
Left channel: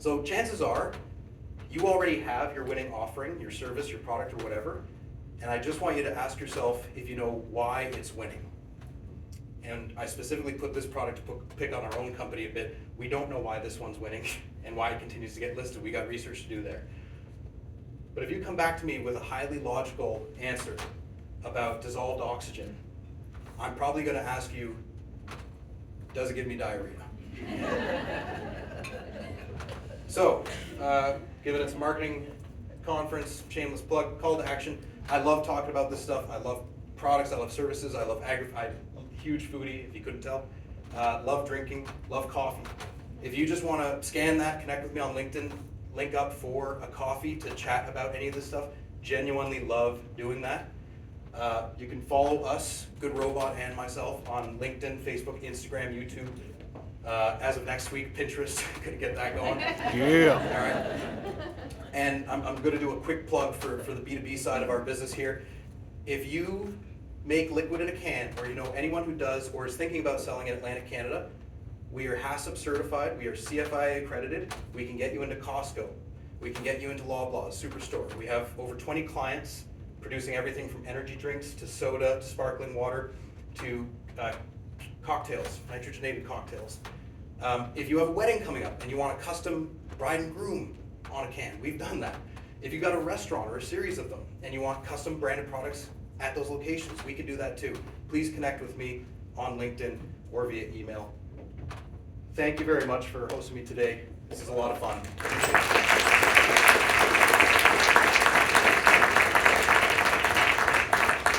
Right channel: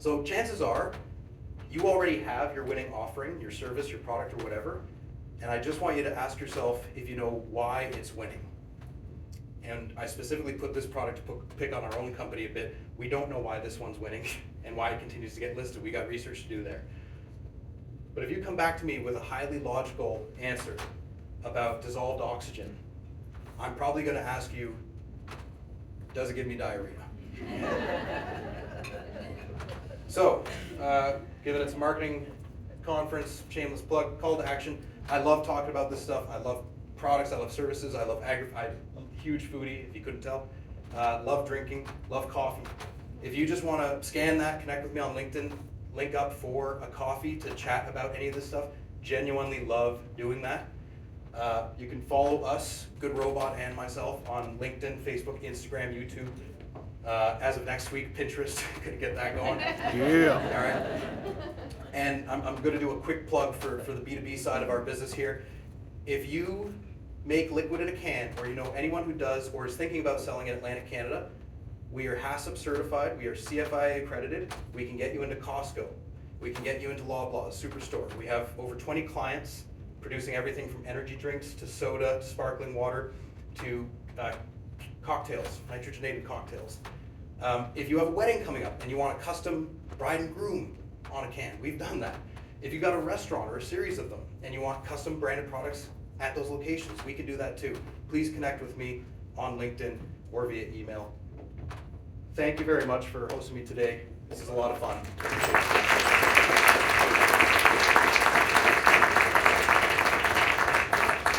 So chances are you already have your winning offering, your service, your product, or whatever, and I just want you to ask yourself if you know why it's winning. And I specifically put this product to pick on our own company a bit. We don't know why this one's winning and why it continues to get listed. We got research to do there. But if you come back to me with a highly logical answer about dissolved oxygen, I'm probably going to ask you, does it give me diarrhea? So, given it's a marketing conference, shameless plug, call to action. I love talking about this stuff. I love products, I love services, I love I'm a huge foodie, if you couldn't tell. Love drinking, love coffee. If you just want to scan that, connect with me on LinkedIn, link up for a coffee to chat about any of this stuff. Genuinely love doing that. You can follow us, Good Robot and myself, on LinkedIn, Facebook, Instagram, YouTube. As of next week, Pinterest, gonna get that going. Yeah. All right. And I'm gonna do a quick plug for the B2B side of our business here. If you make liquid in a can, or you know anyone who does or is thinking about selling in Atlantic Canada, we are HACCP certified, we are CFIA accredited, we can get you into Costco, we can get you into Loblaws, Superstore. We have over 20 clients producing everything from energy drinks to soda, to sparkling water, to cocktails, nitrogenated cocktails. If you have a wedding coming up and you want a custom bride and groom on a can, we've done that. If you've got a restaurant or a series of them and you want custom branded products at those locations, we can do that too. Please connect with me on LinkedIn or via email. Thank you very much for hosting me today. This is a lot of fun.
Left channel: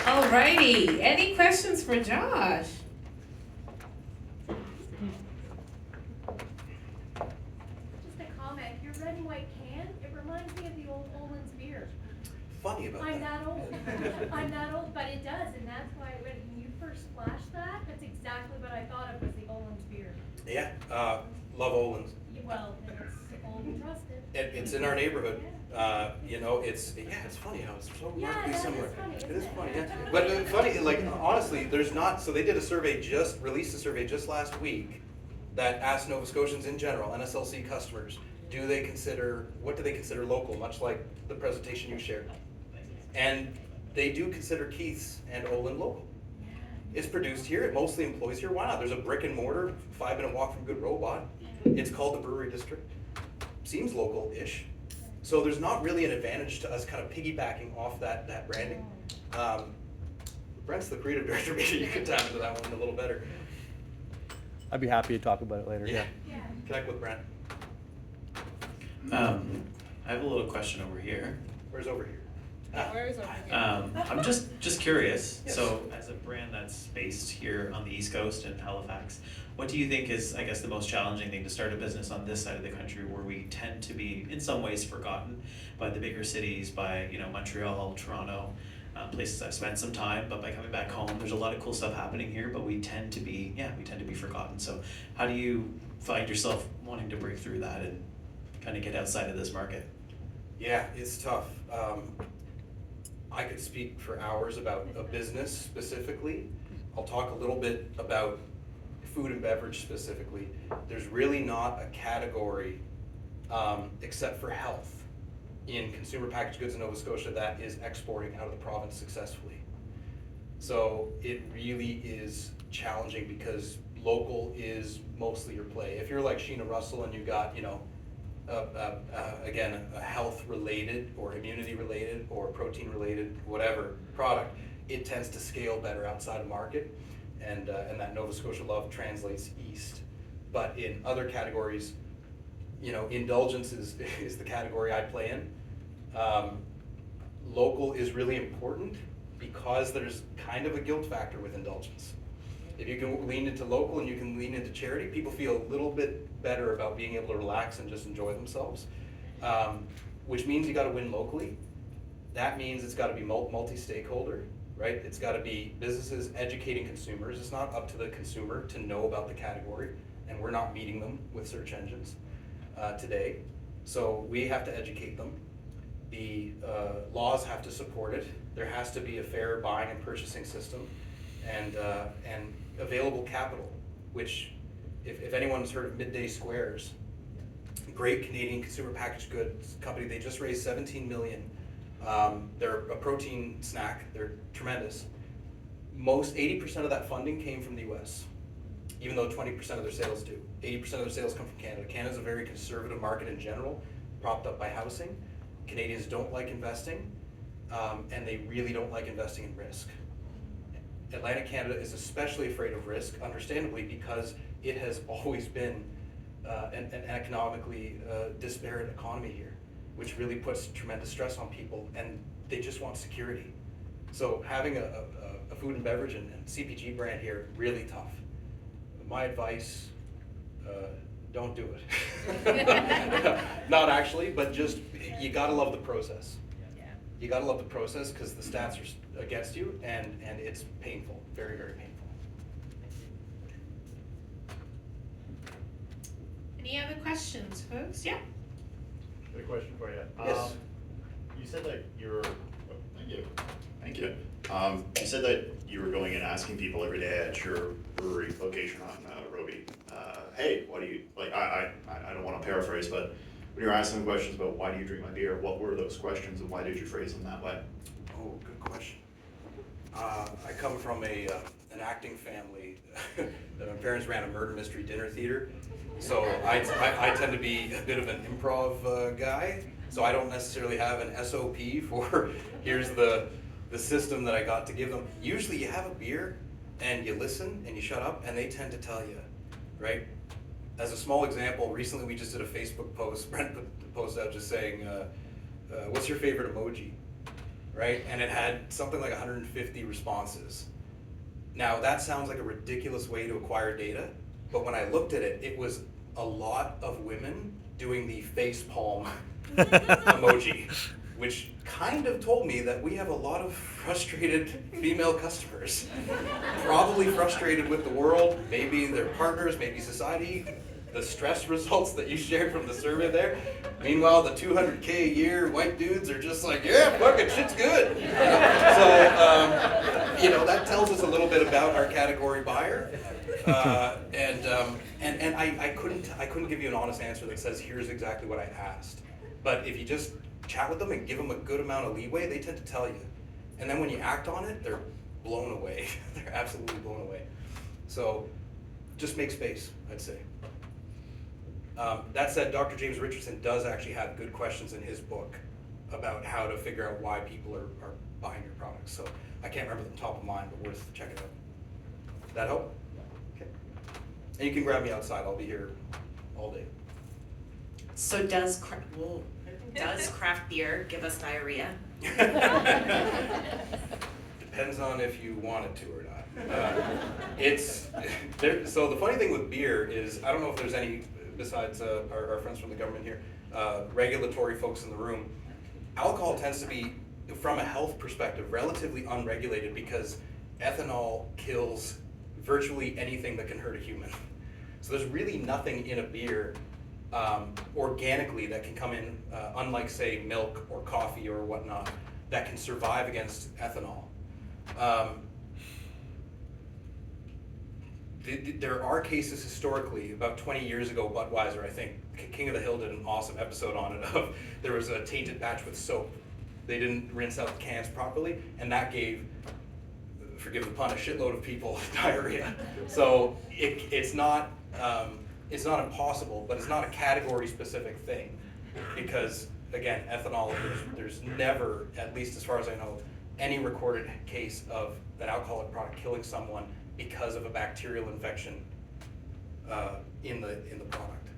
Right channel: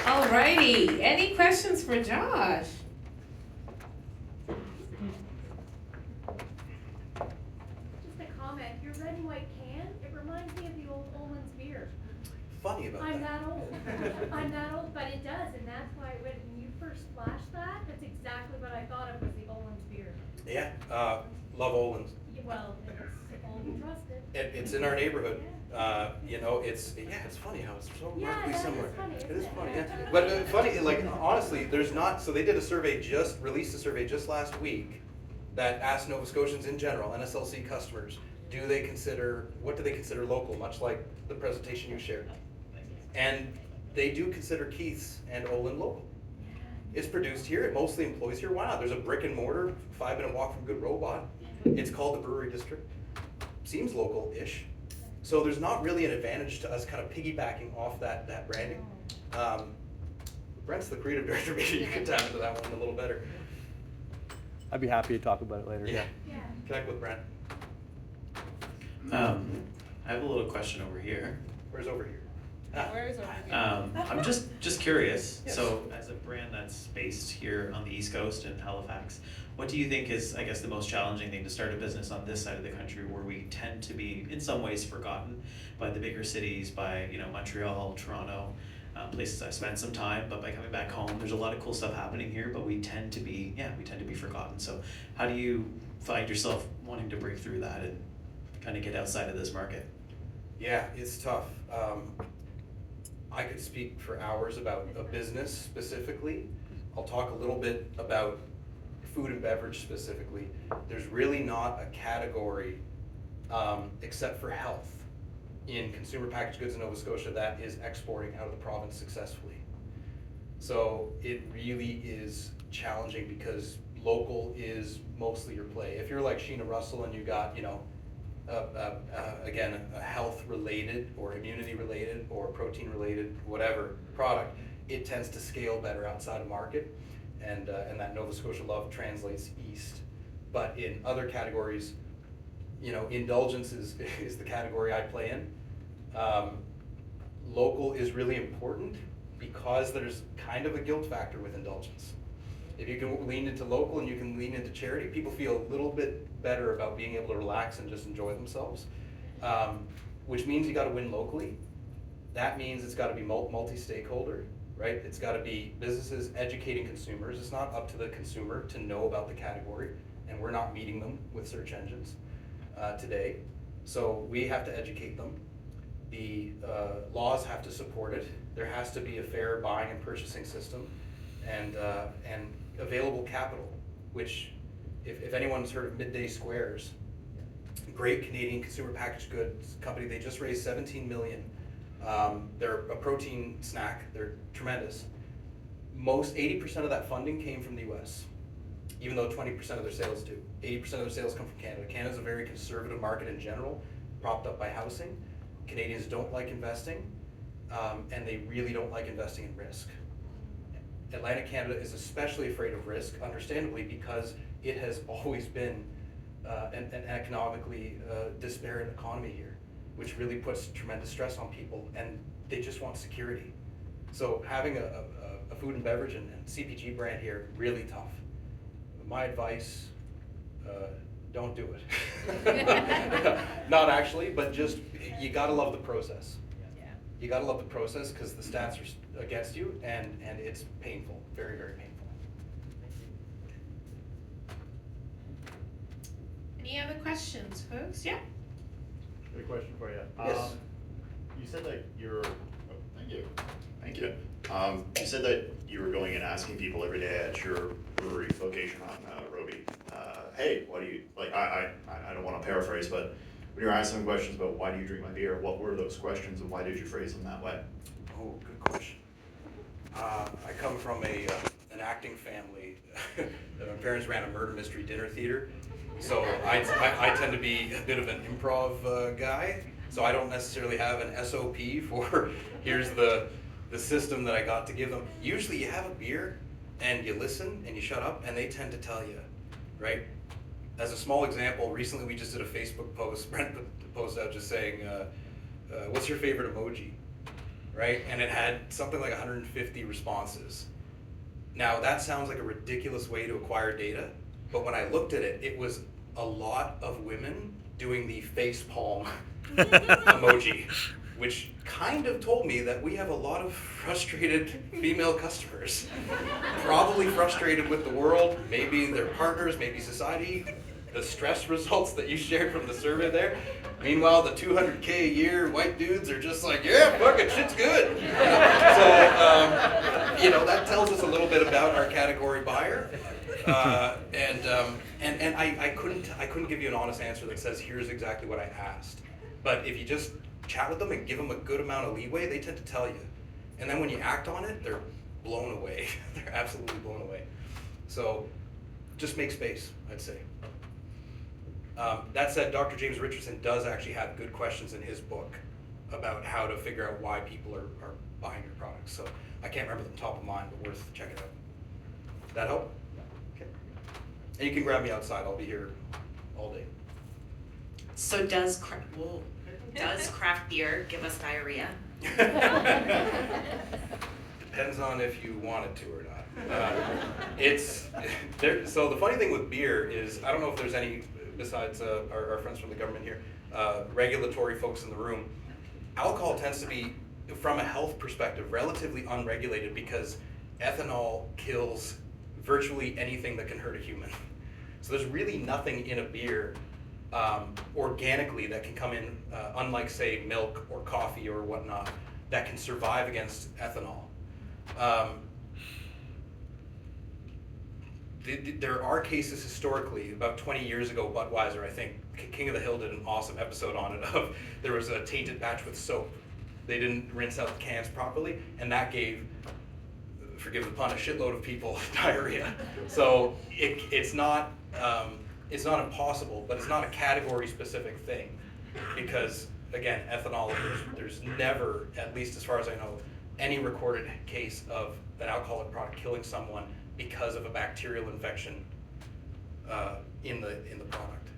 Alrighty, any questions for Josh? Just a comment, your red and white can, it reminds me of the old Olin's beer. Funny about I'm that. that old. I'm that old, but it does, and that's why when you first flashed that, that's exactly what I thought of was the Olin's beer. Yeah, love Olin's. Well, it's old and trusted. It's in our neighborhood. You know, it's funny how it's so Yeah, remarkably that is similar. funny, It isn't is it? funny, yeah. But funny, like honestly, there's not. So they did a survey, released a survey just last week that asked Nova Scotians in general, NSLC customers, what do they consider local? Much like the presentation you shared, and they do consider Keith's and Olin local. It's produced here. It mostly employs here. Why not? There's a brick and mortar, 5-minute walk from Good Robot. It's called the Brewery District. Seems local-ish. So there's not really an advantage to us kind of piggybacking off that branding. Brent's the creative director. Maybe you could tap into that one a little better. I'd be happy to talk about it later. Yeah. Yeah. Connect with Brent. I have a little question over here. Where's over here? Where is it? I'm just curious. Yes. So, as a brand that's based here on the East Coast in Halifax, what do you think is, I guess, the most challenging thing to start a business on this side of the country, where we tend to be, in some ways, forgotten by the bigger cities, by Montreal, Toronto, places I've spent some time. But by coming back home, there's a lot of cool stuff happening here, but we tend to be forgotten. So, how do you find yourself wanting to break through that and kind of get outside of this market? Yeah, it's tough. I could speak for hours about a business specifically. I'll talk a little bit about food and beverage specifically. There's really not a category, except for health, in consumer packaged goods in Nova Scotia that is exporting out of the province successfully. So it really is challenging because local is mostly your play. If you're like Sheena Russell and you got, again, a health-related or immunity-related or protein-related, whatever product, it tends to scale better outside of market, and that Nova Scotia love translates east. But in other categories, you know, indulgence is the category I play in. Local is really important because there's kind of a guilt factor with indulgence. If you can lean into local and you can lean into charity, people feel a little bit better about being able to relax and just enjoy themselves, which means you got to win locally. That means it's got to be multi-stakeholder, right? It's got to be businesses educating consumers. It's not up to the consumer to know about the category, and we're not meeting them with search engines today. So we have to educate them. The laws have to support it. There has to be a fair buying and purchasing system, and available capital, which if anyone's heard of Midday Squares, great Canadian consumer packaged goods company, they just raised $17 million. They're a protein snack, they're tremendous. 80% of that funding came from the US, even though 20% of their sales do. 80% of their sales come from Canada. Canada's a very conservative market in general, propped up by housing. Canadians don't like investing, and they really don't like investing in risk. Atlantic Canada is especially afraid of risk, understandably, because it has always been an economically disparate economy here, which really puts tremendous stress on people, and they just want security. So having a food and beverage and CPG brand here, really tough. My advice, don't do it. Not actually, but just, you gotta love the process. You gotta love the process because the stats are against you, and it's painful, very, very painful. Any other questions, folks? Yeah. Got a question for you. Yes. You said that you were, thank you. Thank you. You said that you were going and asking people every day at your brewery location on Roby, hey, what do you, like, I don't want to paraphrase, but when you were asking them questions about why do you drink my beer, what were those questions and why did you phrase them that way? Oh, good question. I come from an acting family. My parents ran a murder mystery dinner theater, so I tend to be a bit of an improv guy. So I don't necessarily have an SOP for here's the system that I got to give them. Usually you have a beer and you listen and you shut up and they tend to tell you, right? As a small example, recently we just did a Facebook post, Brent put the post out just saying, what's your favorite emoji, right? And it had something like 150 responses. Now that sounds like a ridiculous way to acquire data, but when I looked at it, it was a lot of women doing the face palm emoji, which kind of told me that we have a lot of frustrated female customers, probably frustrated with the world, maybe their partners, maybe society, the stress results that you shared from the survey there. Meanwhile, the 200K a year white dudes are just like, yeah, fuck it, shit's good. So, that tells us a little bit about our category buyer. And I couldn't give you an honest answer that says, here's exactly what I asked. But if you just chat with them and give them a good amount of leeway, they tend to tell you. And then when you act on it, they're blown away. They're absolutely blown away. So just make space, I'd say. That said, Dr. James Richardson does actually have good questions in his book about how to figure out why people are buying your products. So I can't remember the top of mind, but worth checking out. That help? Okay. And you can grab me outside. I'll be here all day. So does craft beer give us diarrhea? Depends on if you want it to or not. So the funny thing with beer is, I don't know if there's any, besides our friends from the government here, regulatory folks in the room, alcohol tends to be, from a health perspective, relatively unregulated because ethanol kills virtually anything that can hurt a human. So there's really nothing in a beer organically that can come in, unlike say milk or coffee or whatnot, that can survive against ethanol. There are cases historically, about 20 years ago, Budweiser, I think, King of the Hill did an awesome episode on it, of there was a tainted batch with soap. They didn't rinse out the cans properly, and that gave, forgive the pun, a shitload of people diarrhea. So it's not it's not impossible, but it's not a category specific thing. Because again, ethanol, there's never, at least as far as I know, any recorded case of an alcoholic product killing someone because of a bacterial infection in the product.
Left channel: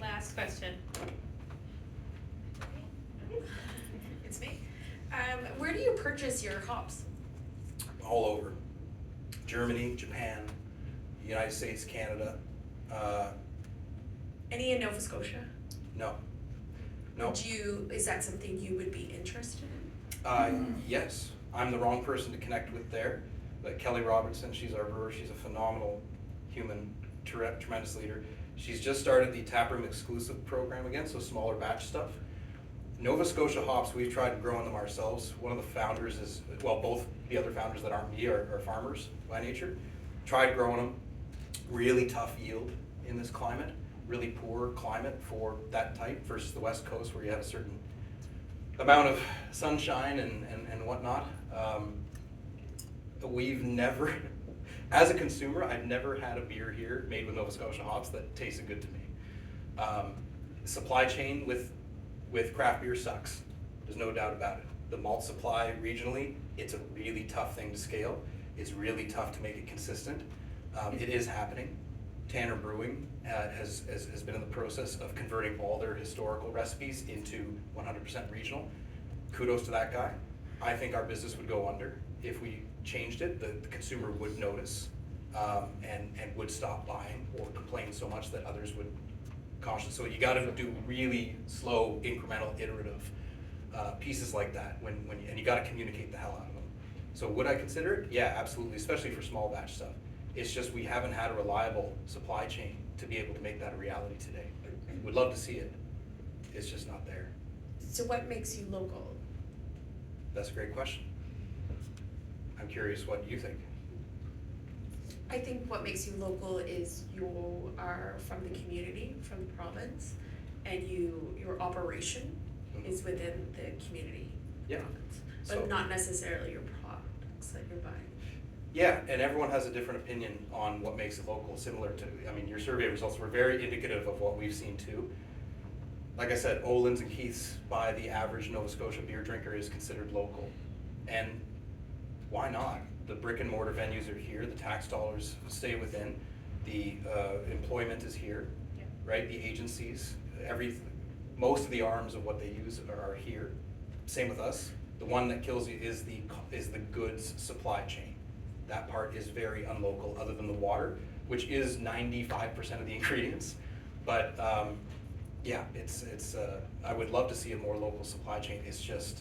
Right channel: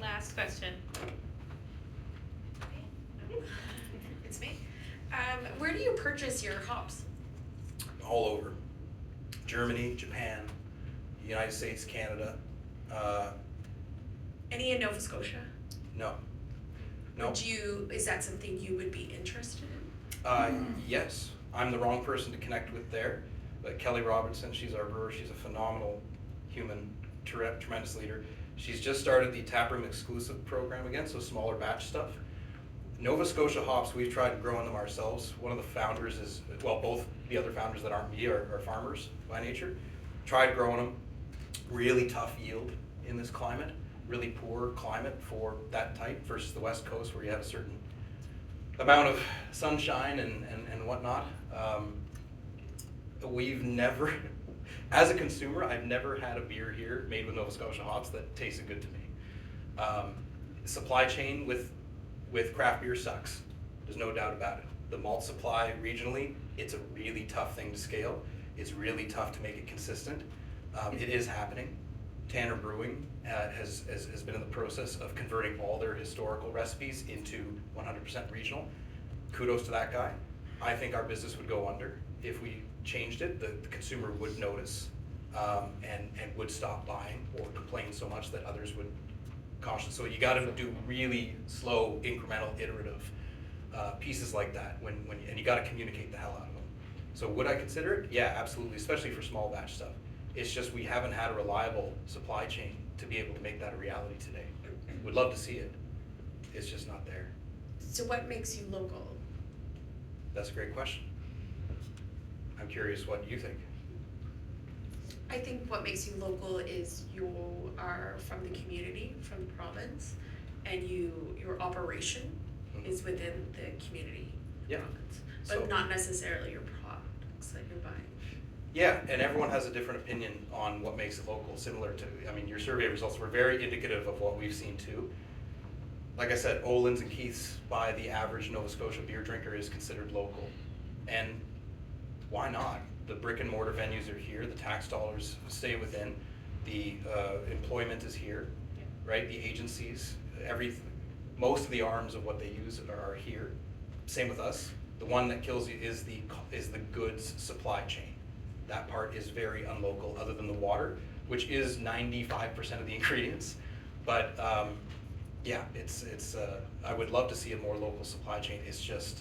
Last question. It's me. Where do you purchase your hops? All over. Germany, Japan, United States, Canada. Any in Nova Scotia? No. No. Is that something you would be interested in? Yes. I'm the wrong person to connect with there. But Kelly Robinson, she's our brewer. She's a phenomenal human, tremendous leader. She's just started the taproom exclusive program again, so smaller batch stuff. Nova Scotia hops, we've tried growing them ourselves. One of the founders is, well, both the other founders that aren't me are farmers by nature. Tried growing them. Really tough yield in this climate. Really poor climate for that type versus the West Coast where you have a certain amount of sunshine and whatnot. We've never, as a consumer, I've never had a beer here made with Nova Scotia hops that tasted good to me. Supply chain with craft beer sucks. There's no doubt about it. The malt supply regionally, it's a really tough thing to scale. It's really tough to make it consistent. It is happening. Tanner Brewing has been in the process of converting all their historical recipes into 100% regional. Kudos to that guy. I think our business would go under if we changed it. The consumer would notice and would stop buying or complain so much that others would caution. So you got to do really slow, incremental, iterative pieces like that and you got to communicate the hell out of them. So would I consider it? Yeah, absolutely, especially for small batch stuff. It's just we haven't had a reliable supply chain to be able to make that a reality today. Would love to see it. It's just not there. So what makes you local? That's a great question. I'm curious what you think. I think what makes you local is you are from the community, from the province, and your operation is within the community. Yeah. But So- not necessarily your products that you're buying. Yeah, and everyone has a different opinion on what makes it local, similar to, I mean, your survey results were very indicative of what we've seen too. Like I said, Olin's and Keith's by the average Nova Scotia beer drinker is considered local. And why not? The brick and mortar venues are here, the tax dollars stay within, the employment is here, right? The agencies, most of the arms of what they use are here. Same with us. The one that kills you is the goods supply chain. That part is very unlocal, other than the water, which is 95% of the ingredients. But yeah, it's I would love to see a more local supply chain. It's just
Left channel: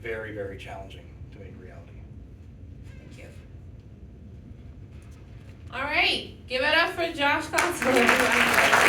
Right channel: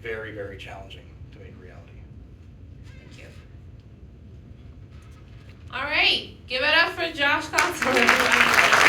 very, very challenging to make reality. Thank you. All right, give it up for Josh Constable.